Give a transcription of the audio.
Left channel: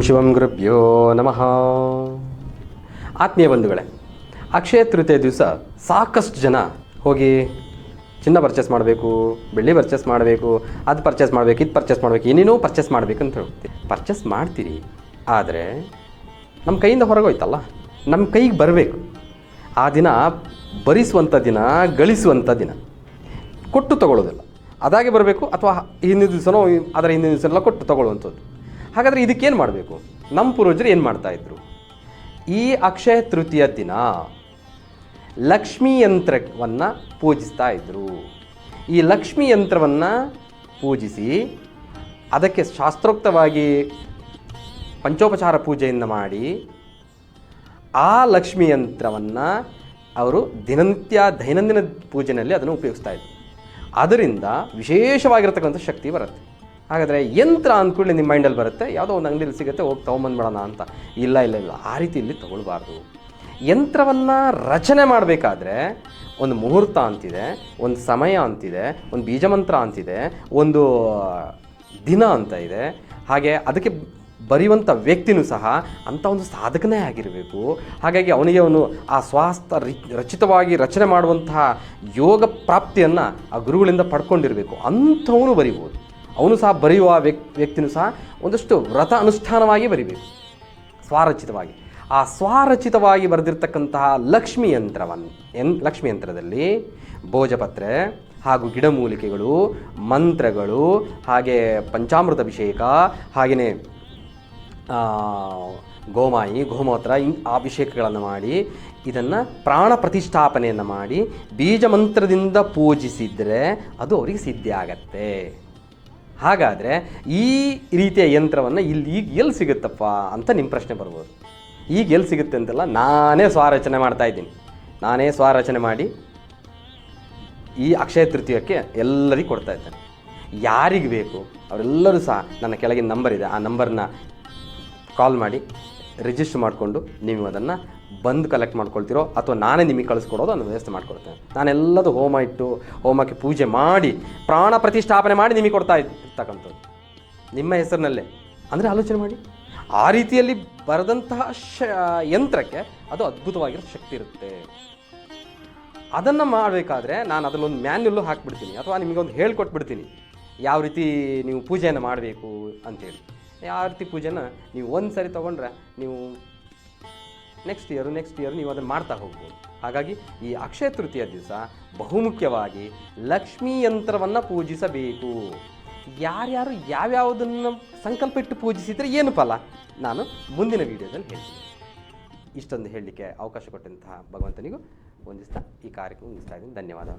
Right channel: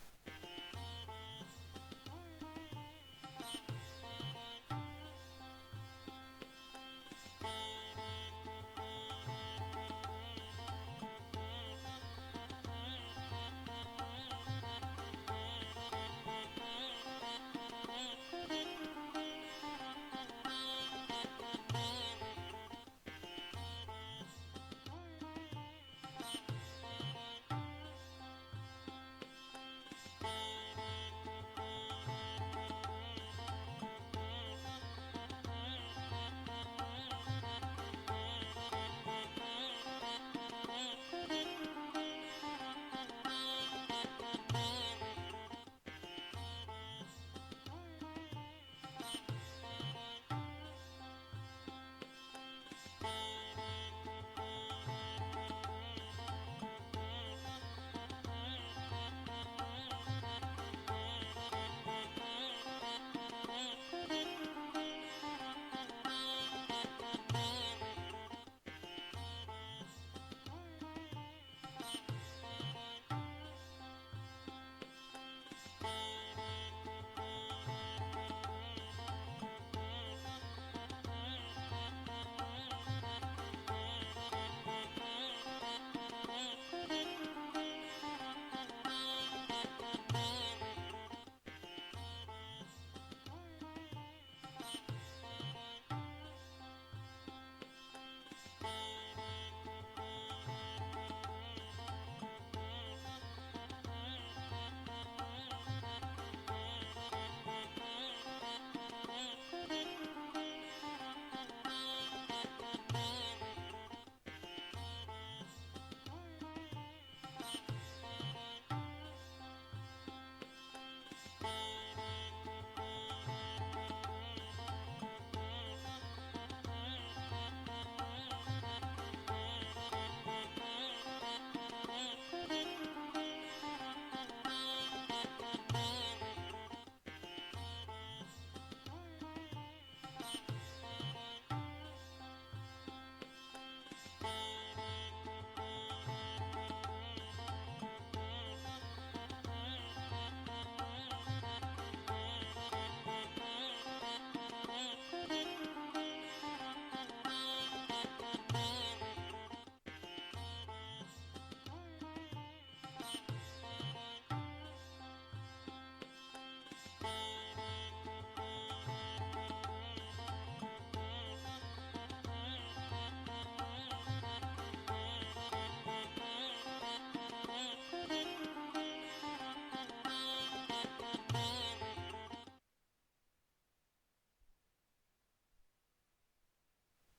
ಶಿವಂ ಗುರುಭ್ಯೋ ನಮಃ. ಆತ್ಮೀಯ ಬಂಧುಗಳೇ, ಅಕ್ಷಯ ತೃತೀಯ ದಿವಸ ಸಾಕಷ್ಟು ಜನ ಹೋಗಿ ಚಿನ್ನ ಪರ್ಚೇಸ್ ಮಾಡಬೇಕು, ಬೆಳ್ಳಿ ಪರ್ಚೇಸ್ ಮಾಡಬೇಕು, ಅದು ಪರ್ಚೇಸ್ ಮಾಡಬೇಕು, ಇದು ಪರ್ಚೇಸ್ ಮಾಡಬೇಕು, ಏನೇನೋ ಪರ್ಚೇಸ್ ಮಾಡಬೇಕು ಅಂತ ಹೇಳ್ತೀವಿ ಪರ್ಚೇಸ್ ಮಾಡ್ತೀರಿ, ಆದರೆ ನಮ್ಮ ಕೈಯಿಂದ ಹೊರಗೋಯ್ತಲ್ಲ, ನಮ್ಮ ಕೈಗೆ ಬರಬೇಕು. ಆ ದಿನ ಭರಿಸುವಂಥ ದಿನ, ಗಳಿಸುವಂಥ ದಿನ. ಕೊಟ್ಟು ತಗೊಳ್ಳೋದಿಲ್ಲ. ಅದಾಗೆ ಬರಬೇಕು ಅಥವಾ ಹಿಂದಿನ ದಿವಸನೋ, ಅದರ ಹಿಂದಿನ ದಿವಸನೆಲ್ಲ ಕೊಟ್ಟು ತಗೊಳ್ಳುವಂಥದ್ದು. ಹಾಗಾದರೆ ಇದಕ್ಕೇನು ಮಾಡಬೇಕು? ನಮ್ಮ ಪೂರ್ವಜರು ಏನು ಮಾಡ್ತಾಯಿದ್ರು ಈ ಅಕ್ಷಯ ತೃತೀಯ ದಿನ ಲಕ್ಷ್ಮೀ ಯಂತ್ರವನ್ನು ಪೂಜಿಸ್ತಾ ಇದ್ದರು ಈ ಲಕ್ಷ್ಮೀ ಯಂತ್ರವನ್ನು ಪೂಜಿಸಿ ಅದಕ್ಕೆ ಶಾಸ್ತ್ರೋಕ್ತವಾಗಿ ಪಂಚೋಪಚಾರ ಪೂಜೆಯನ್ನು ಮಾಡಿ ಆ ಲಕ್ಷ್ಮೀ ಯಂತ್ರವನ್ನು ಅವರು ದಿನನಿತ್ಯ ದೈನಂದಿನ ಪೂಜೆಯಲ್ಲಿ ಅದನ್ನು ಉಪಯೋಗಿಸ್ತಾ ಇದ್ರು. ಅದರಿಂದ ವಿಶೇಷವಾಗಿರತಕ್ಕಂಥ ಶಕ್ತಿ ಬರುತ್ತೆ. ಹಾಗಾದರೆ ಯಂತ್ರ ಅಂದ್ಕೊಳ್ಳಿ ನಿಮ್ಮ ಮೈಂಡಲ್ಲಿ ಬರುತ್ತೆ. ಯಾವುದೋ ಒಂದು ಅಂಗಡಿಯಲ್ಲಿ ಸಿಗುತ್ತೆ, ಹೋಗಿ ತೊಗೊಂಬಂದ್ಬಿಡೋಣ ಅಂತ. ಇಲ್ಲ ಇಲ್ಲ ಇಲ್ಲ. ಆ ರೀತಿ ಇಲ್ಲಿ ತೊಗೊಳ್ಬಾರ್ದು. ಯಂತ್ರವನ್ನು ರಚನೆ ಮಾಡಬೇಕಾದ್ರೆ ಒಂದು ಮುಹೂರ್ತ ಅಂತಿದೆ, ಒಂದು ಸಮಯ ಅಂತಿದೆ, ಒಂದು ಬೀಜಮಂತ್ರ ಅಂತಿದೆ, ಒಂದು ದಿನ ಅಂತ ಇದೆ. ಹಾಗೆ ಅದಕ್ಕೆ ಬರೆಯುವಂಥ ವ್ಯಕ್ತಿನೂ ಸಹ ಅಂಥ ಒಂದು ಸಾಧಕನೇ ಆಗಿರಬೇಕು. ಹಾಗಾಗಿ ಅವನಿಗೆ ಅವನು ಆ ಸ್ವಾಸ್ಥ ರಚಿತವಾಗಿ ರಚನೆ ಮಾಡುವಂತಹ ಯೋಗ ಪ್ರಾಪ್ತಿಯನ್ನು ಆ ಗುರುಗಳಿಂದ ಪಡ್ಕೊಂಡಿರಬೇಕು. ಅಂಥವನು ಬರಿಬೋದು. ಅವನು ಸಹ ಬರೆಯುವ ವ್ಯಕ್ ವ್ಯಕ್ತಿನೂ ಸಹ ಒಂದಷ್ಟು ವ್ರತ ಅನುಷ್ಠಾನವಾಗಿ ಬರಿಬೇಕು. ಸ್ವಾರಚಿತವಾಗಿ. ಆ ಸ್ವಾರಚಿತವಾಗಿ ಬರೆದಿರ್ತಕ್ಕಂತಹ ಲಕ್ಷ್ಮಿ ಯಂತ್ರವನ್ನು ಎನ್ ಲಕ್ಷ್ಮಿ ಯಂತ್ರದಲ್ಲಿ ಭೋಜಪತ್ರೆ ಹಾಗೂ ಗಿಡಮೂಲಿಕೆಗಳು, ಮಂತ್ರಗಳು, ಹಾಗೆ ಪಂಚಾಮೃತ ಅಭಿಷೇಕ ಹಾಗೆಯೇ ಗೋಮಾಯಿ, ಗೋಮೂತ್ರ ಅಭಿಷೇಕಗಳನ್ನು ಮಾಡಿ, ಇದನ್ನು ಪ್ರಾಣ ಪ್ರತಿಷ್ಠಾಪನೆಯನ್ನು ಮಾಡಿ ಬೀಜ ಮಂತ್ರದಿಂದ ಪೂಜಿಸಿದರೆ ಅದು ಅವರಿಗೆ ಸಿದ್ಧಿ ಆಗತ್ತೆ ಹಾಗಾದರೆ ಈ ರೀತಿಯ ಯಂತ್ರವನ್ನು ಇಲ್ಲಿ ಈಗ ಎಲ್ಲಿ ಸಿಗುತ್ತಪ್ಪ ಅಂತ ನಿಮ್ಮ ಪ್ರಶ್ನೆ ಬರ್ಬೋದು. ಈಗ ಎಲ್ಲಿ ಸಿಗುತ್ತೆ ಅಂತೆಲ್ಲ ನಾನೇ ಸ್ವಾರಚನೆ ಮಾಡ್ತಾ ಇದ್ದೀನಿ. ನಾನೇ ಸ್ವಾರಚನೆ ಮಾಡಿ ಈ ಅಕ್ಷಯ ತೃತೀಯಕ್ಕೆ ಎಲ್ಲರಿಗೂ ಕೊಡ್ತಾ ಇದ್ದೇನೆ. ಯಾರಿಗೆ ಬೇಕು? ಅವರೆಲ್ಲರೂ ಸಹ ನನ್ನ ಕೆಳಗಿನ ನಂಬರ್ ಇದೆ. ಆ ನಂಬರ್ನ ಕಾಲ್ ಮಾಡಿ. ರಿಜಿಸ್ಟರ್ ಮಾಡಿಕೊಂಡು ನೀವು ಅದನ್ನು ಬಂದು ಕಲೆಕ್ಟ್ ಮಾಡ್ಕೊಳ್ತೀರೋ ಅಥವಾ ನಾನೇ ನಿಮಗೆ ಕಳಿಸ್ಕೊಡೋದು ಅದನ್ನು ವ್ಯವಸ್ಥೆ ಮಾಡ್ಕೊಡ್ತೇನೆ. ನಾನೆಲ್ಲದು ಹೋಮ ಇಟ್ಟು ಹೋಮಕ್ಕೆ ಪೂಜೆ ಮಾಡಿ ಪ್ರಾಣ ಪ್ರತಿಷ್ಠಾಪನೆ ಮಾಡಿ ನಿಮಗೆ ಕೊಡ್ತಾ ಇರ್ತಕ್ಕಂಥದ್ದು. ನಿಮ್ಮ ಹೆಸರಿನಲ್ಲೇ. ಅಂದರೆ ಆಲೋಚನೆ ಮಾಡಿ. ಆ ರೀತಿಯಲ್ಲಿ ಬರೆದಂತಹ ಶ, ಯಂತ್ರಕ್ಕೆ ಅದು ಅದ್ಭುತವಾಗಿರೋ ಶಕ್ತಿ ಇರುತ್ತೆ. ಅದನ್ನು ಮಾಡಬೇಕಾದ್ರೆ ನಾನು ಅದನ್ನೊಂದು ಮ್ಯಾನ್ಯಲ್ಲು ಹಾಕ್ಬಿಡ್ತೀನಿ. ಅಥವಾ ನಿಮಗೊಂದು ಹೇಳ್ಕೊಟ್ಬಿಡ್ತೀನಿ. ಯಾವ ರೀತಿ ನೀವು ಪೂಜೆಯನ್ನು ಮಾಡಬೇಕು ಅಂತೇಳಿ ಯಾವ ರೀತಿ ಪೂಜೆನ ನೀವು ಒಂದು ಸರಿ ತೊಗೊಂಡ್ರೆ ನೀವು ನೆಕ್ಸ್ಟ್ ಇಯರು ನೆಕ್ಸ್ಟ್ ಇಯರ್ ನೀವು ಅದನ್ನು ಮಾಡ್ತಾ ಹೋಗ್ಬೋದು. ಹಾಗಾಗಿ ಈ ಅಕ್ಷಯ ತೃತೀಯ ದಿವಸ ಬಹುಮುಖ್ಯವಾಗಿ ಲಕ್ಷ್ಮೀ ಯಂತ್ರವನ್ನು ಪೂಜಿಸಬೇಕು. ಯಾರ್ಯಾರು ಯಾವ್ಯಾವುದನ್ನು ಸಂಕಲ್ಪ ಇಟ್ಟು ಪೂಜಿಸಿದರೆ ಏನು ಫಲ? ನಾನು ಮುಂದಿನ ವಿಡಿಯೋದಲ್ಲಿ ಹೇಳ್ತೀನಿ. ಇಷ್ಟೊಂದು ಹೇಳಲಿಕ್ಕೆ ಅವಕಾಶ ಕೊಟ್ಟಂತಹ ಭಗವಂತನಿಗೂ ಒಂದಿಸ್ತಾ ಈ ಕಾರ್ಯಕ್ರಮ ಮುಗಿಸ್ತಾ ಇದ್ದೀನಿ. ಧನ್ಯವಾದ.